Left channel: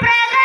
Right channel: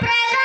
പ്രകാശത്തിൽ